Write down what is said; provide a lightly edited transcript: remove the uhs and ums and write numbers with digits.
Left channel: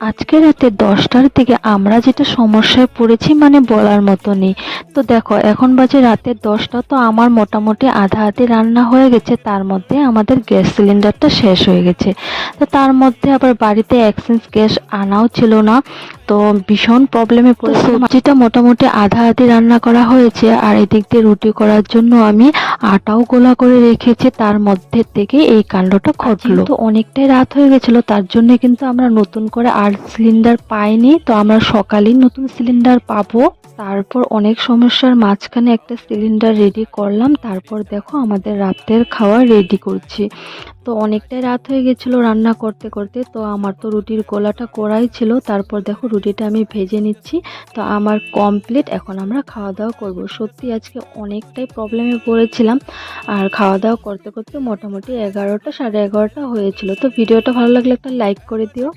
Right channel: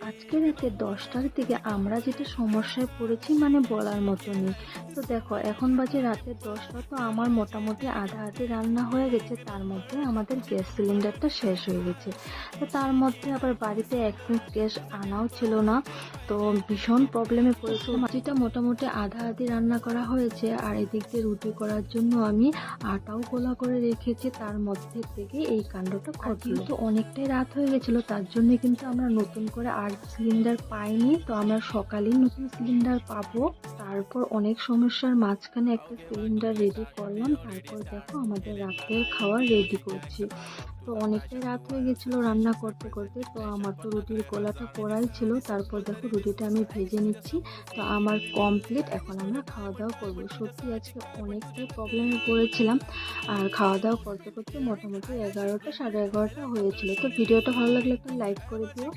আজকে রাতে 10টার দিকে আমরা যেটা সমস্যায় পড়েছি মানে বলার মতো নেই। তো দেখো এখন বাজে রাতে 10টা, তো আমার মোটামুটি আধা আধি রান্না হয়ে গেছে, তার মধ্যে আমাদের গ্যাস সিলিন্ডারটা শেষ হয়ে গেছে। তো তার মধ্যে আবার বাড়িতে এক্সচেঞ্জ গ্যাস আনাও ছিল না, তো ভীষণ প্রবলেমে পড়েছি। সবজিটা মোটামুটি আধা আধি রান্না করা হয়েছে, আর এদিক দিয়ে রুটি করার জন্য আমি আটাও গোলা করে রেখেছি, তার মধ্যে থেকে এই কাণ্ডটা ঘটলো। তো অনেকটাই রাত হয়ে গেছিল, তার জন্য কিন্তু আমরা নতুন করে আর সিলিন্ডার পাইনি, তো আমরা সকালেই নতুন সিলিন্ডার পাবো। তারপর অনেক সমস্যার মাঝখানে একটা সিলিন্ডার রেডি করলাম, তারপর দেখো আমাদের রাতের খাওয়া রেডি করছি। তো অনেকটাই রাত হয়ে গেছিল রান্না করতে করতে, তো আমার তো রুটির গোলাটা করাই ছিল, তারপর দেখো রুটিটা আমি ভেজে নিচ্ছি। তো আমার কমপ্লিট, এখন আমরা খাওয়া দাওয়া করব। সত্যি আজকে অনেকটাই প্রবলেমে পড়েছিলাম, আর খাওয়া দাওয়া করতে করতে মোটামুটি 11টা 11:30 হয়েছিল। তো ভিডিওটা ভালো লাগলে একটা লাইক করে দিও।